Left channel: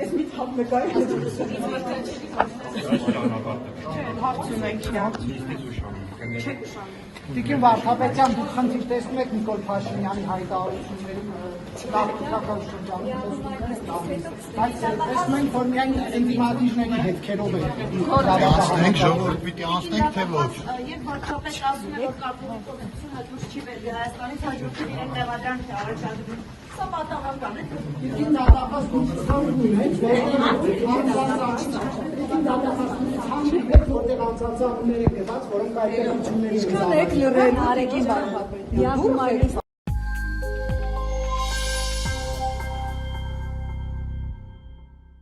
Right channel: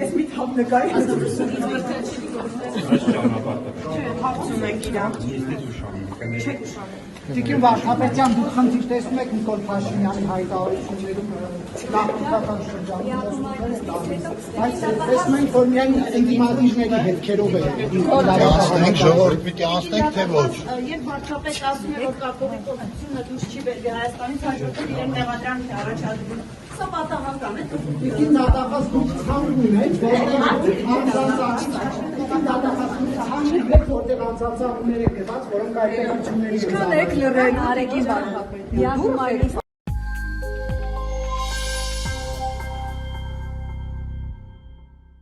Ես մի թափ նկարի Տիկին Վարդապետյան, դուք խնդիր տեսնում եք Նիկոլ Փաշինյանի հայտարարություններում գաղտնիական շրջանում, բայց տեսնում ենք, որ միայն ինտիմատիվների հետքերով է։ Անցնենք, ժողովուրդ պիտի անցնենք, թե ոչ։ Երբ Վարդապետ ասում է, որ կապովի կողմությունը դուրս չի բերվի Հայաստանից, հաջորդում իրեն տեղական առաջարկում։ Սա պատահական է։ Տիկին դատախազ դուք խանգում եք, որտեղ անցածանումներ եք գված, որոնք այդպետությունների լրել Արեգին Վարդապետյան։